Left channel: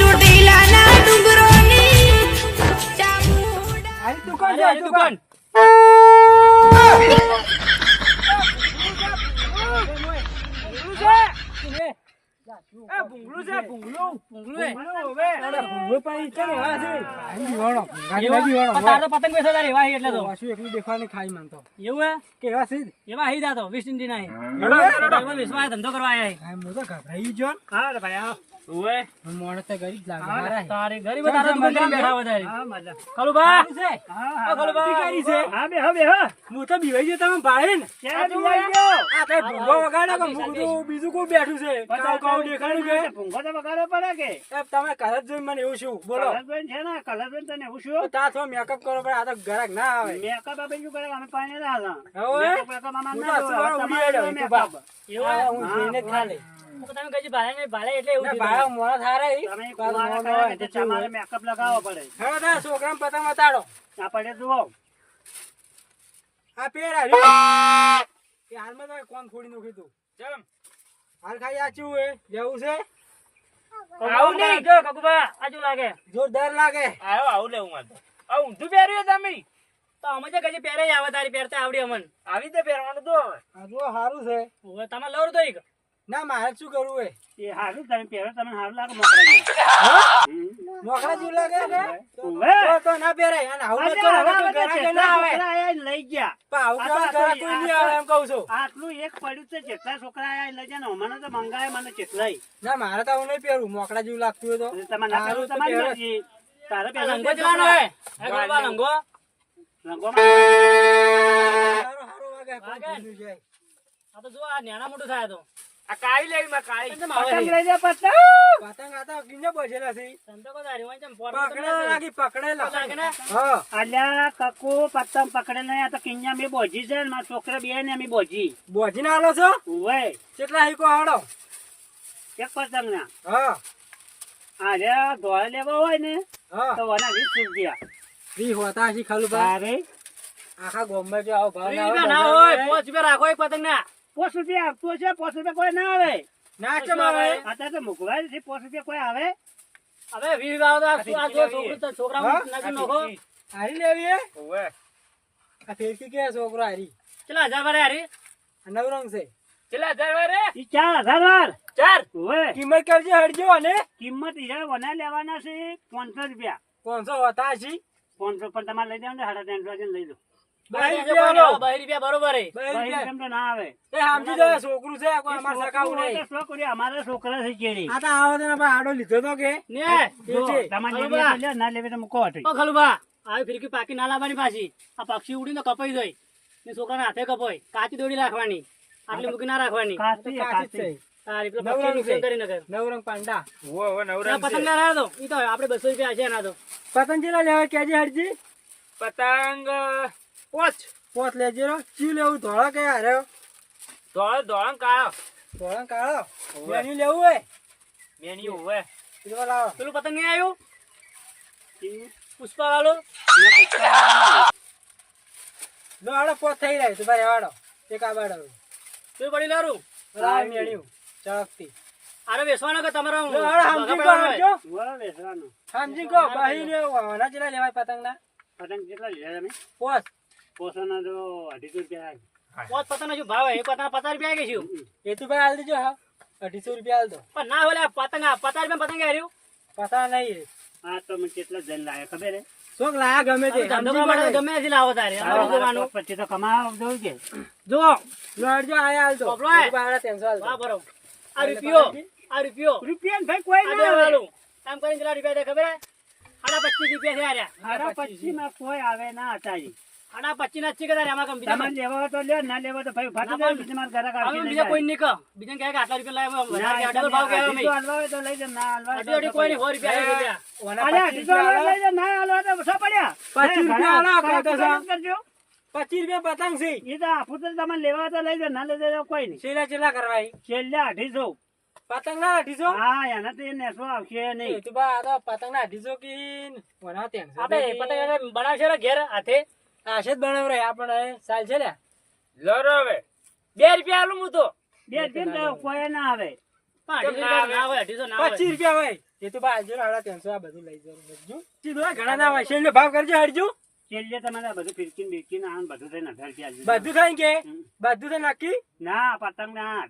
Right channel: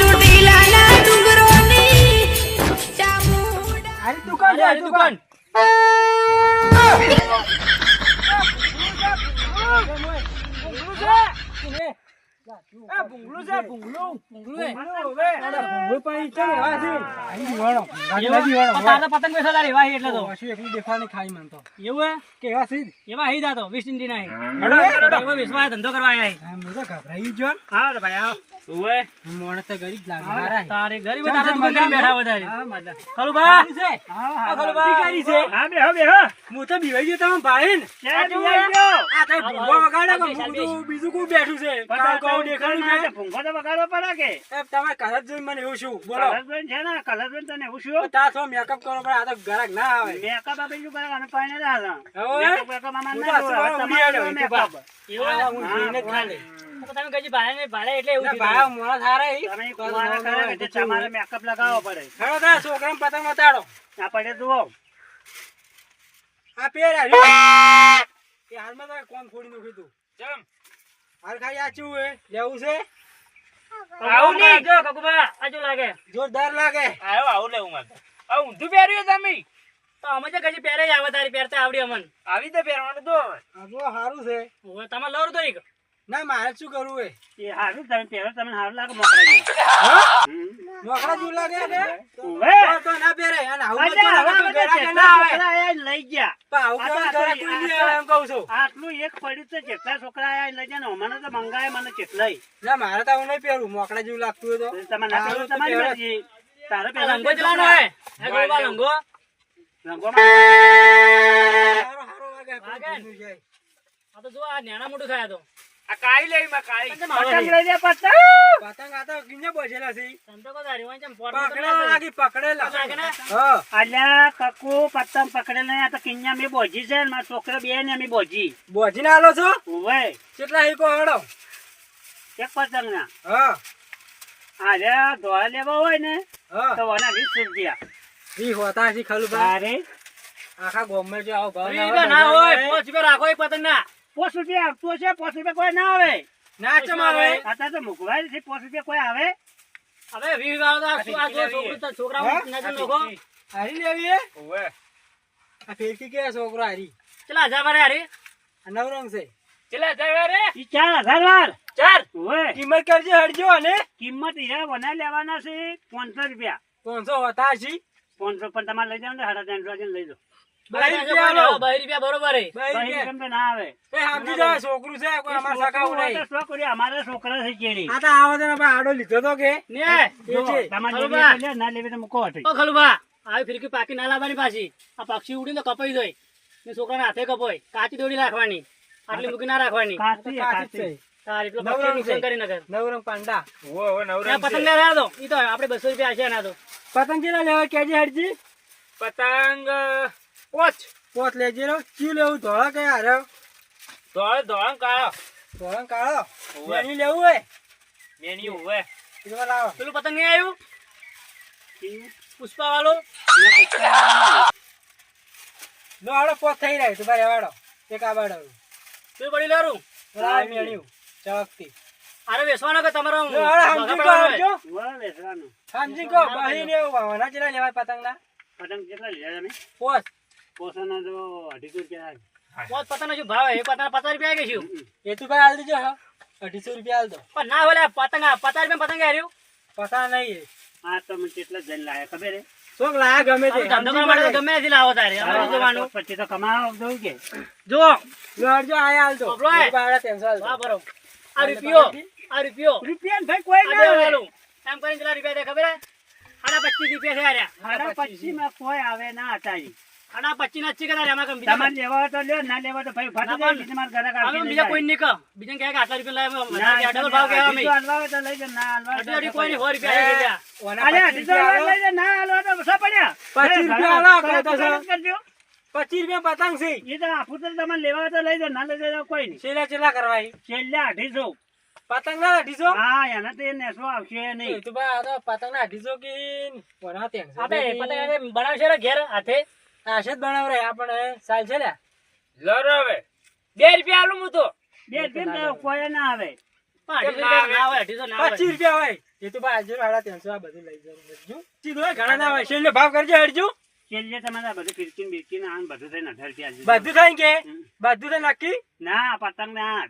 ચોટીલાના ડુંગરોની ચામુંડા આરી દુકાન છે, આરી દુકાન. ભૂંગળું છે, ભૂંગળું. ભૂંગળું હવે. ભૂંગળું પણ છે ને, એવા છે. આઈ દીવાનો. ગાડી દીવાનો. તારા પતંગ બેસો તારે એવા હી એટલે તો પાછું એકલું દેખાવાની ખાઈ માનતો. એવું હે કે એવા છે જ. એવા હી જાતો વેસ્ટ ઇન્ડી ના એવા વિશ્વાસ ધંધો કરવા આવ્યા હી. હા, મેં તો ગભરાઈ ગયો. હા રે ભાઈ આવો ઓએ મોણે તો ગરીબ લાગે મારા. તારે ગરીબ તારે દુકાન કરી બેઠા વધારે હા, મજા. ખલું બા હા, ખલું અધિકારી છે. હા બેહો બેહો હું તો બીવાઈ ગયો તમે ભાઈ ને. ક્યાં બીવાઈ ગયો? આ તો ભૂંગળો વગાડે કે હું તો બીજું કોઈ બેઠું છે. કાઉ દેખાડું કે ભૂંગો તો વગાડવો પડે કે એ તમે કલર જોઈને મને એવું શું બોલો. કલરબેન છે ને કલરબેન તને એવું શું તા તો મેકઅપ કરો પણ આ તો ગરાક ના આવે. મેકઅપ આપી શું કરે અમે પાણી ના હવે? મેકઅપ અમાર હું ના તો જોવે. હવે અસલ તમારે ઉડી મેકઅપ આડો. એવું હા, હું હા, જોઈને જ હા. ખાલી. તમે કઈ ભાડે ભાડે એટલે એવું ના, થયું. ભાઈ મોડા થારે ઈ. તમે કુવારા કરે કે તમારે મેકઅપ લગાવવો પડે હવે તો આ છોકરાને પતંગ બતાડો. આ પડે જુઓ આ પેર આવ્યું. એ હાલમાં તો કોણ ફોડી નાખ્યું તું. હાલ ખાઈ આ ચૂ હે લેવું છે. આવું નહીં જો કકુબા આજુ લાગે જોરદાર લાગે. આયો આવું લેવું મારે આ ઊંધું પહેર્યું તમે તો અમે જે કજી પહેરે જ આવે તારી પહેરતે આવડી અમન આવી રીતે પહેરવાનું તો આ જો સારું છે. હવે તમારે લવર તો એક ના મારે શું કરવું હે. એ હારું તમે પહેરો તમને હારું લાગે મોકરા જેવું. મોકળા જેવું લાગે કે? ઓવે. તો ના પહેરે. અને આવું અરે, બધું હવે તો બધા ગરાક જેટલા ના આવે. છોકરા આયા લઈ ગયા પણ આવું આ તો કેવા ગરાક કોઈ નહીં આવે એમ કહું છું. આટલું એક પડ્યું છે જેટલા છોકરા આયા લઈ ગયા ને મને તો મંગાય મને કેટલાય ના મારે તો આવું નહીં પહેરવું. મોકળા જેવું લાગતું હોય તો. તમારે ના પહેરવું તમારી પહેરો. મરજી તારે રંગો પહેરવાનું જવાનો છોકરા. હે હે ગોળવા રંગો રંગોમાં સારો સારો લાગે. લાગે. પણ ભૂંડું છે. આ તો જો આ નાના મોટું થાય તો આ કાળી લેવી માં કાળી પતંગ લઈ દે પતંગ પતંગ આ તો કિંજે બચેલા છે. સંતો કો દાડી વાંચમ પોર પકડેલા લાગી પકડેલા. લાગે ને? હા. અલ્યા કકુ પતંગ પકડે નહીં આ તો કિન્યા મેં બોજી છે ને મારા છોકરા બે ને અમે બોજી બોજીને આલો છો? ઓવે કેટલા હીકો હાડો? એક પતંગ ના હા. અલ્યા ધોળા લેવા હોય ને હા. તો વના 20 રૂપિયા ઈ હોતા છે ખાલું ભાઈ. તારે આખા ગામમાં જો આવો ભાવ ઈ ના ના હોય, હોય બજારમાં 5 રૂપિયા રાખો એક પતંગ ના 5 રૂપિયા આપતો છે 5 રૂપિયા કોઈ ના આવે ના ચમ આવે. અત્યારે તો મોકલાય છે 5 રૂપિયા કોઈ આવે હવે 20 વાળો તો આ છોકરું તો છોકરા હા? નજર નોખો હારી લેવી હે? ઓવે આ ફેરકી કે છોકરો હારી. ચલા જા મારે હારી આ નવરંગ છે. ચલા જાય રે ઈ 4000 વાર 4 ઓય કિંમત કરજે હડજો અને કિંમત ઈરા વના લેવાના છે 500 રૂપિયા 500 હોતા છે. 500 પણ તમારે લઈ જાવ ને 350 લઈ જાઓ 2 રૂપિયા લો. 2 રૂપિયા બરોબર હે 2 રૂપિયા. કેમ તો ના આવે એ સમજી જાઓ, છોકરું છે કોઈ અમાર સગાવું નહીં. અમારે છોકરા છે કેડી આ તો આવો તો આપણે આડો લીધો તો કે ને જો, તમારે લેવી હોય તો લે, ના લેવી તો મૂકો હટી ઓ ખલુબા આવી ફિરકી પાકી ના લાવવાની પાછી આ પક્ષી ઉડીને તો કપાઈ જાય ને છોકરાના હાથે કપાય કાચી દોડી રાખવાની આટલી મૂકી ના રાખવાની કાચી જ છે. તારી પેલો નવરંગ પક્ષી નુકસાન છે. કરી નગર નવરંગ પાંડા. ઓવે નવરંગ પતંગ છે ના લાવ દો ઈ તો આપણે 200 રૂપિયા હશે ના તો પતંગ ચેલા લેવા કેજે હડજી? પતંગ 5 પોત લેજે રો. ક્યુ લેવું? ધોળા કે હારે? ધોળ ધોળ કાળો ધોળા ને કાળો. ઓવે. એની લેવું હોય? મેની ઓવે કીધું લાવો. પેલું પતંગ નહીં આવ્યું પુષ્પા વાળું લો હાડો પોત થઈ રહ્યો તું ભાઈ વાડો. એક આ વાડો. પેલું પડી લેરું લાવ મેળ્યું. ચળકતી. અરે વેસવાનો કે તમારો લો હાડો સમજી કો હડજો. વાહ વેસવાનો સમજી કો બહીને વાના ચેલા લેવા પતંગ ના? પતંગ કેટલા લીધા તમે પોત. પોસાના તો 250 રૂપિયા પોત પતંગ શું ભાવ એ પતંગ 50 રૂપિયા આવી ગયું એ તું ભાઈ હાલ દેજો હા. 250 રૂપિયા હાલ દો. પણ ના ઓલે પતંગ 50 રૂપિયા પતંગ હાર્યું પતા નહીં. હા તો મને કેટલા જણ લાયા ખબર હે શોખ લાયા ગમે તે. ધંધો કરવા માટે ગમે નથી લાવો તારે અમારે જવાનું પછી તો કમાવા દઉં કે જો લો હડજો આયા હાલ દો. બાપલો હે? એ ભાડા 300 હાલ દો. વાહ બરો આ રૂપિયો ભાઈ કોઈ ના આવે એમ કરીને કેટલા રૂપિયા દે ખબર હે 25 રૂપિયા છે આર્યા 25 માં કોઈ આવે ના અટાજી 25 ના છે કે તારે આમાં કમ તમારે લેવા હોય તો લ્યો ના લેવા તો ભાઈ ફાટી જાય તમાર ઘરે કાઢી બીજા કોઈ નહીં કહો બીજા કહે કે આટલા રૂપિયા લાવે ડબલ ભાવ કહેવા મે હાલવા તો લઈ જા ના હાલવા કોઈ નહીં 100 રૂપિયા ઓના અરે 200 લઈ જા ના હાલવા તો સો પડ્યા 25 રૂપિયા હાલો કહો તો સર. કરજો 25 રૂપિયા પતંગ છે. એ તો આપું તો તમારે લેવા હોય તો લઈ જા ના લઈ જાય તો કોઈ નહીં છેલ્લા ચેલા કરવાય? છેલ્લે 250 પતંગ ના 250? હા એના તો એ નેસો આવશે એ નહીં તો બા આ તો પતંગ ના 250 કીન વના 300. આપણે પતંગ બનાવશે રે ઘેર હાથે આશે જ બનાવ રે આપણે સાલ છે લે. લરો હવે 2 રૂપિયા આલું હું તો બે કેમ તો કોઈ ના આવે 250 ના આવે. 250 ના આવે 25 રૂપિયા હોય. એ તો ભાઈ હજુ હાડા 300 આ બધું લઈ જાવ હજુ સીધો ઘણા ના હોય શેરનો ભાવ કરજો હરજુ છેલ્લે તમારે બધું ફિરકીને બિરકીને આમ બધું થઈને 1000 રૂપિયા બધું થાય કે બધું તો નક્કી ના પતંગ ના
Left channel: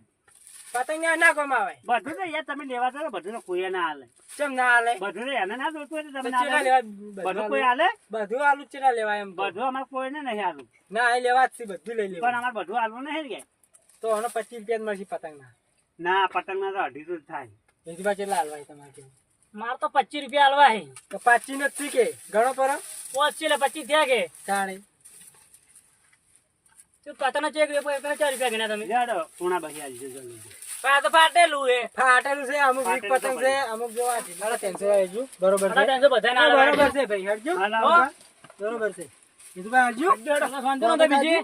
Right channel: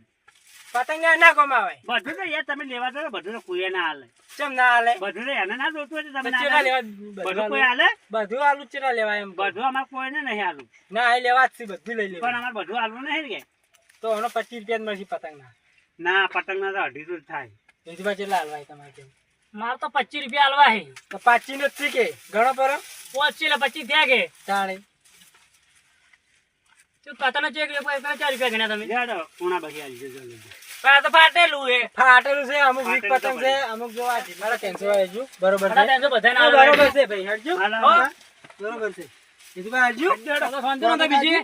પતંગ ના કમાવે બધું તો યાર તમે લેવા દો બધું તો કોઈ ના હાલે કેમ ના હાલે બધું તો એને ના જોતું હોય તો તમે ના ચેલા હાલે. લેવા બધું કોઈ હાલે બધું આલુ ચેલા લેવાય એમ બધું અમારે કોઈને નહીં હાલું ના એ લેવા જ છે બધું લઈ પણ લેવા અમારે બધું હાલવું નહીં કે તો હમણાં 25 રૂપિયા જ મળશે પતંગ ના પતંગ ના તો 250 જ થાય એથી પાછળ ચેલા હાલવાય તમારે કેમ મારે તો 25 રૂપિયા હાલવા હે તો 25 નથી કે ઘણો પર પહોંચી એટલે 25 થયા કે તાણે તું કતનો ચેક રે 4 રૂપિયા ગણ્યા તમે જાડો પૂણા બહી આલજો જલ્દી તો ફાટેલું છે અમુક વીક પતંગ છે અમુક જો આ મારા 300 આવે હજુ બરોબર છે બરોબર છે ભાઈ હરજુ બરોબર છે કીધું ભાઈ હરજુ બીજી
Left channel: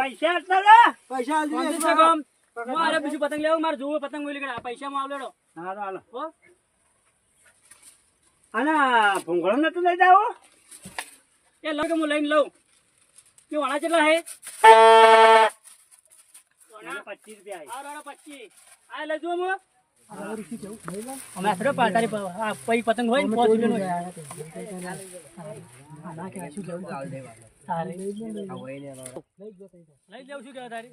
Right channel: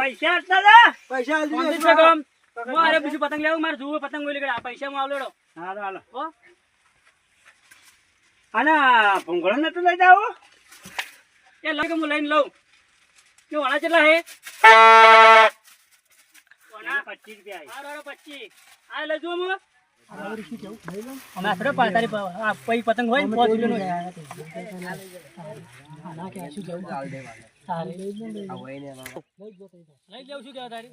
પૈસા હતા પૈસા આલજો મારે બીજું પતંગ લેવું મારે જોવું પતંગ બોલી ગયા પૈસા માં આવલેડો હાલો હાલો આના ભૂંગળો નતો લઈ જાવ એ લઈ કે હું લઈને લઉં કે વણા કેટલા હે 25 રૂપિયા આ 25 આ લઈ જો હું અમે આપણે પાતારી પઈ પતંગ હોય ને 5 રૂપિયાનો ના કે શું જવું તારે લઈ લેવું શું કેવા તારી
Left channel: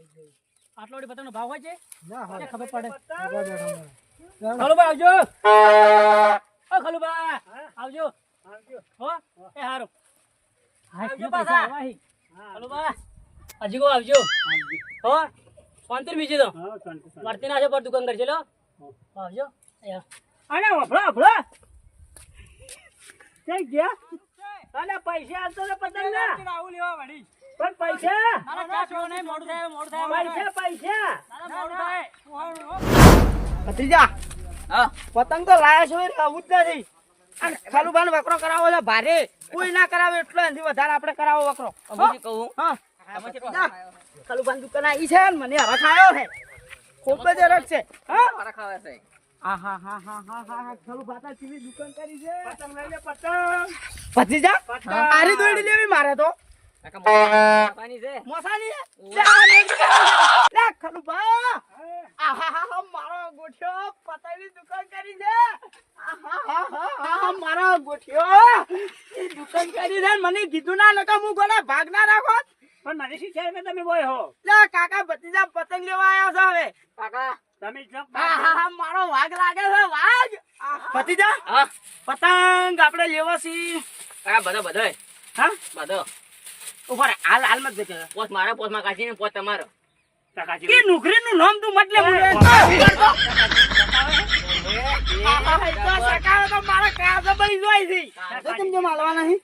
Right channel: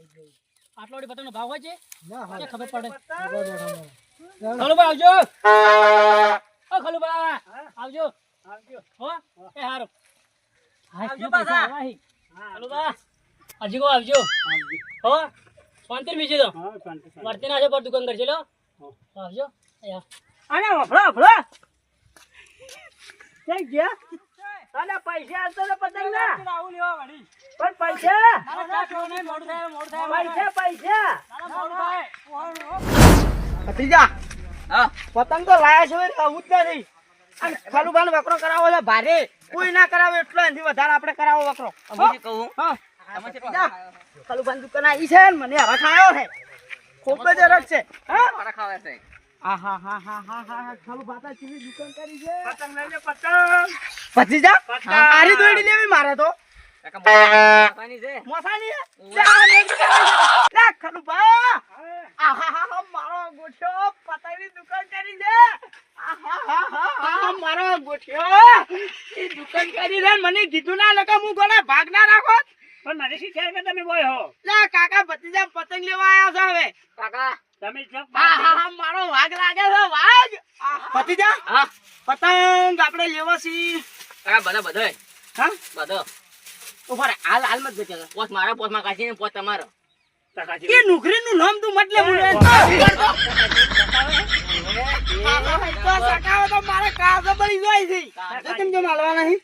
આટલો વડી પતંગનો ભાવ હોય છે ના ખબર પડે ખલુબા આવજો ઓ ખલુબા આવજો હો એ હારો આવજો પાછા ખલુબા હજી કો આવજો હો શાંતિ બીજી તો વર્તી ના છે પર દુકાન કરજે લો આવજો અરે વફળો વફળો કઈ ગયા અરે પૈસા આલતો તો પતંગ ના આવું લેવા વળી પણ પૈસા મોડું થાય પૈસા ભતીજા પતંગ તો લાયા છો આવું જ નથી અને ખાલુબાનો વકરો કરાવો છે ભારે કોઈ ના કરાવે એટલો એનાથી વધારે આપણે કરાવો વકરો કહું હા ખાલુબાની દુકાન આવી છે ને મને હવા ખાયો છે ખૂબ જ રસ છે હા મારા ખાવા છે હા ખાલુબા તા ચીવી દુકાન કરી છે પતંગ લઈ લે પતંગ ભતીજા આરી દોડી લેવી મારે તો મોસાની લે ખાલુબા આહા મારો ગોઠ્યો પતંગની દુકાન કરી છે આહા મારો ગોઠ્યો એ દુકાન કરી છે મને કીધું ના નકા હું કોને ભાગ ના રાખો પણ મને શી છે કે તમે બોય હો લે કાકા ભતીજા પતંગ લેવા આયા છો હવે કાકા તમે આહા મારો વાઘ લાગે છે વાઘ ભતીજા પતંગ આપણે લેવા છી કાકા બધો હા બધો ઉપર હાલ મત જતો પોત મારો પોતમાં કાઢીને પોત તમારો કે નુકરીનું નામ તું મતલબ મારા કાગળ બળી જાય છે કેમ જેમ હાલવા નહીં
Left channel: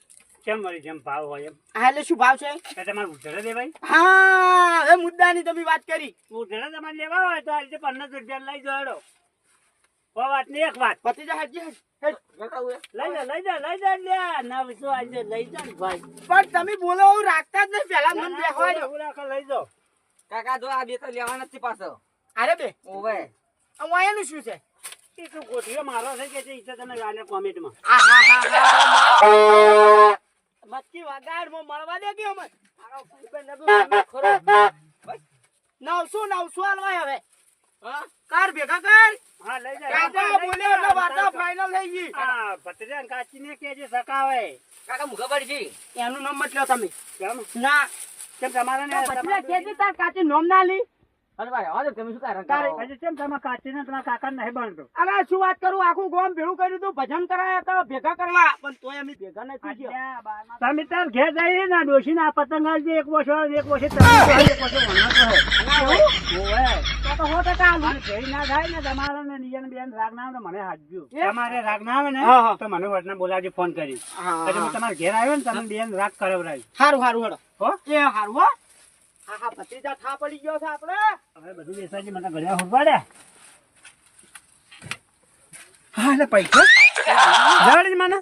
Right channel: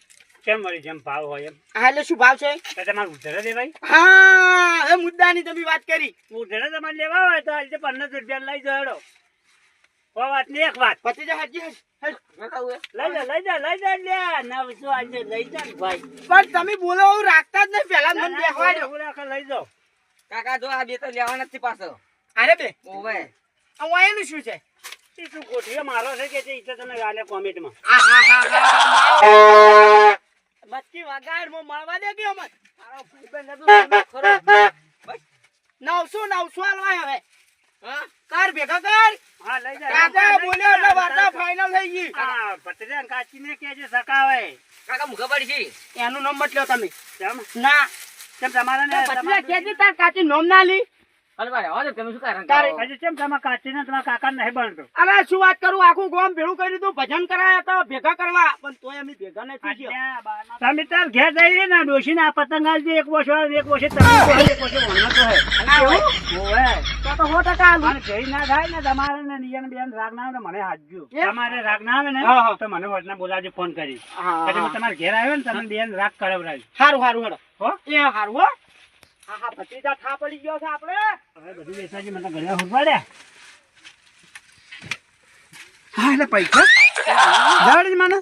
કેમ વળી જેમ ભાવ હોય એમ હા એટલે શું ભાવ છે તો તમારે ઉધડે દેવાય હા એ મુદ્દાની તમે વાત કરી ઉધડે તમારે લેવા હોય તો આજે 15 રૂપિયા લઈ જાડો વાત ની એક વાત ભતીજા હજી લઈ જા લે ના શું આજે લઈ જા ને ભાઈ પણ તમે બોલો એવું રાખતા જ નહીં પેલા મને બેસવા દો લઈ જાઓ કાકા જો આ બે તો લેવા નથી પાછો અરે બે ઓવે આ એનું શું છે એ તું ગોઠીએ મારો છે કે ઈ તો તને આલે કોમેન્ટમાં મચ્છી વગાડ મો મળવા દે કે મત મારો ભાઈબંધ ખરો 900 આલવાય હવે હા કર ભેગા કર હા લઈ જા કાકા બોલ્યો એટલે વાર્તા ફાઇનલ થઈ ગઈ હા ભત્રીજા કાચીને કેજે સકાવે કાકા મુખા પડી છે એનું નામ મત લ્યો તમે કેમ ના કેમ તમારે ને ભત્રીજા કેજે તાર કાચી નામ ના લી અરે ભાઈ હવે તમે શું કારણ તારે હજી કેમ તમારા કાચીને તમારા કાકા નહીં બનતો અરે શું વાત કરું આખું ગામ ભેળું કર્યું તું ભજન કરાયા હતા ભેગા કરવા પણ તોય અમે ભેગા નથી થયા તમે તાર ઘેર જઈ ને ડોશીને આ પતંગ આલજે એક વર્ષ તમે એક વર્ષ તો 100% આલું. જઈ ના થાય ને તમારે ને નિયન બેન રાગ ના આવે ને મને હાજજો એમ? તમારે રાગ ના આવે ને હા, હા. તો મને વડના બોલાવજો ફોન કરી હા, પછી હા. તમારે ઘેર આવ્યો ને તમે બેન રાગ કરાવરાજો હારું હેડો હો એ હારું હો હા ભત્રીજા ઠા પડી ગયો છે આપણે હવે બધું બેસાજી મને ઘડિયા હુંપાડ્યા હા એટલે પૈસા ગોળી મને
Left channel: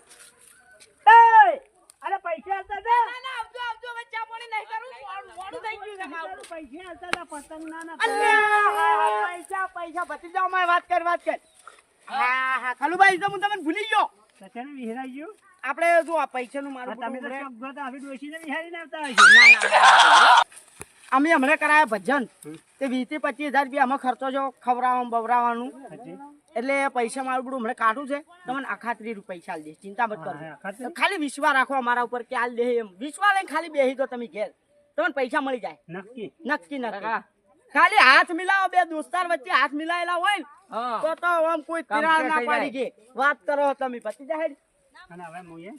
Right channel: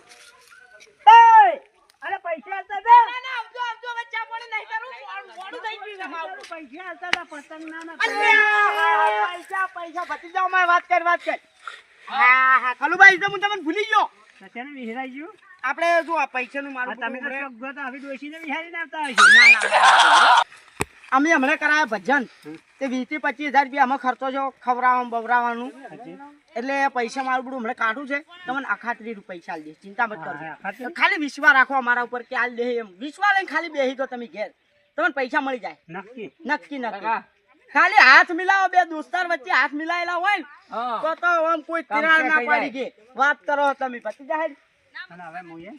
અરે પૈસા હતા તે આવજો બચ્ચા પાણી નહીં કરું મોડું થઈ ગયું છે મારું. પૈસા હતા તા પતંગ ના અલ્યા પૈસા ભત્રીજા માં વાત કર હા ખલુભાઈ તો હું તમને ભૂલી ગયો સત્યાને વિહરાઈ ગયું આપણે જો આ પૈસાનું મારું તમે તો બધું ચોક જોતા હવે ડોશીને વિહારીને આવતા હશો અમે હમણાં કરાયા ભજન તે 20 થી 25 હજાર રૂપિયા અમે ખર્ચો છો ખવડાવવાનું બવડાવવાનું એટલે પૈસા મારું બધું હમણાં કાઢું છે તમને અખાત્રી રૂપિયા પૈસા આલી દે ચિંતા મત કરજો અખાત્રી? ખાલી વિશ્વાસ રાખો અમારા ઉપર કે આલ દે એમ વિશ્વાસ લઈને ખાલી બેહી તો તમે ઘેર તમને પૈસા મળી જાય નક્કી. નક્કી નક્કી કાકા ખાલી હાથ મિલાવો બે દોસ્તાર વચ્ચે હાથ મિલાયેલા હોય ને હા તો આમ કોઈ તિરાડ ના થઈ જાય. પડી ગઈ વાત કરો તમે પતી જાય અને હવે હું એ